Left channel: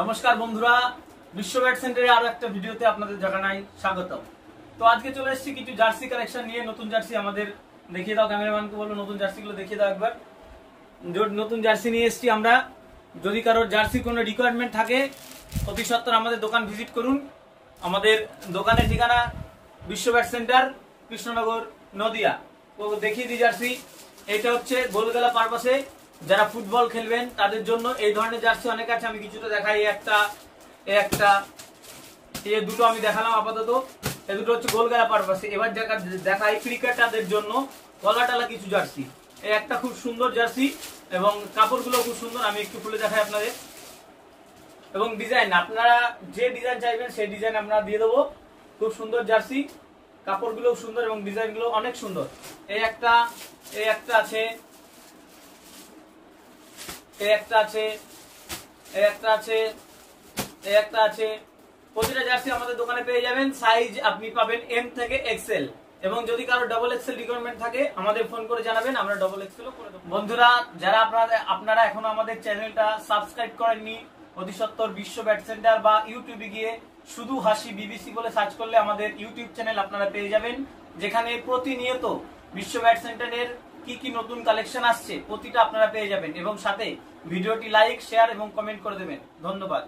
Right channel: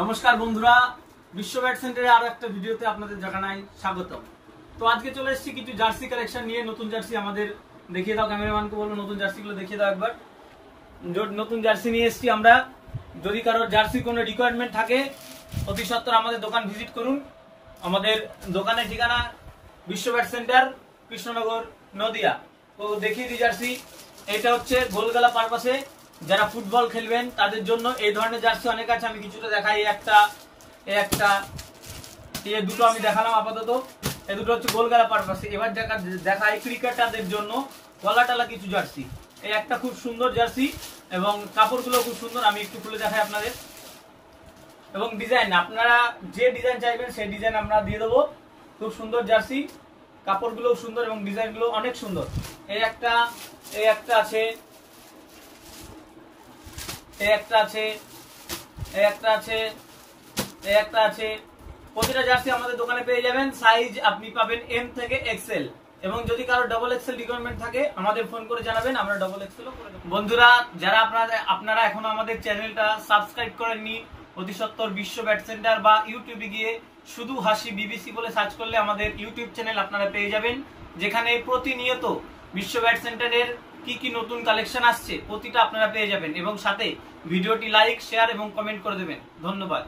নমস্কার বন্ধুরা, বিশ্ব ব্যাট সেন্টারে আরো একটা ভিডিওতে আপনাদের জানাই স্বাগতম। তো আজকে চলে এসেছি কিছু জার্সি কালেকশন নিয়ে। নতুন জার্সি আমাদের দেখিয়ে দাও, ক্যামেরাম্যানকে বলো নতুন জার্সিগুলো দেখিয়ে দাও একবার। নতুন জার্সি নিয়ে এসেছি আমরা। যদি কারোর জার্সির কোনো রিকোয়ারমেন্ট থাকে অতি সত্বর আমাদের দোকান ভিজিট করুন। আমাদের দোকানের ঠিকানা বিশ্ব ব্যাট সেন্টার, কৃষ্ণনগর, নদিয়া। তো দেখিয়ে দিই জার্সি। এটা হচ্ছে গোলগালা পারপাসে যারা ফুটবল খেলবেন তাদের জন্য এই ধরনের জার্সি অনেক আছে। আমি কিছুটা দেখাই, এই দুটো আমি দেখালাম আপাতত। এই দুটো হচ্ছে গোলগালা পারপাসে। এবার দেখাই ক্রিকেটারদের জন্য গলা টালা কিছু জার্সি। এই একটা খুব সুন্দর জার্সি এবং কাপড়গুলো খুব সুন্দর। আমি একটু খুলে দেখাই আপনাদের। এবং ডিজাইন আপনারা যে ডিজাইন চাইবেন সেই ডিজাইন আমরা দিয়ে দেবো। খুব সুন্দর জার্সি, কাপড়গুলো সুন্দর এবং ডিজাইনগুলো অনেক সুন্দর। এই একটা আছে, প্রতিটা জার্সি আমাদের দোকানে পেয়ে যাবেন। সাইজ আপনি পাবেন এম থেকে এক্সেল, এবং যদি কারো ডবল এক্সেল রিকোয়ারমেন্ট থাকে আমাদের ফোন করে জানাবেন, আমরা ডবল এক্সেলও করে দেবো। বন্ধুরা, যারা আপনারা এখনো আমাদের চ্যানেলটা সাবস্ক্রাইব করেননি, অতি সত্বর বিশ্ব ব্যাট সেন্টার বা ইউটিউবে গিয়ে শুধু হাসি বিবিসি বলে সার্চ করলে আমাদের ইউটিউব চ্যানেল আপনারা পেয়ে যাবেন, যেখানে প্রতিনিয়ত বিশ্ব ব্যাট সেন্টারের কি কি নতুন কালেকশন আসছে প্রতিটা আপনারা পেয়ে যাবেন। এবং সাথে ভিডিওটি লাইক, শেয়ার এবং কমেন্ট করে দেবেন। ধন্যবাদ।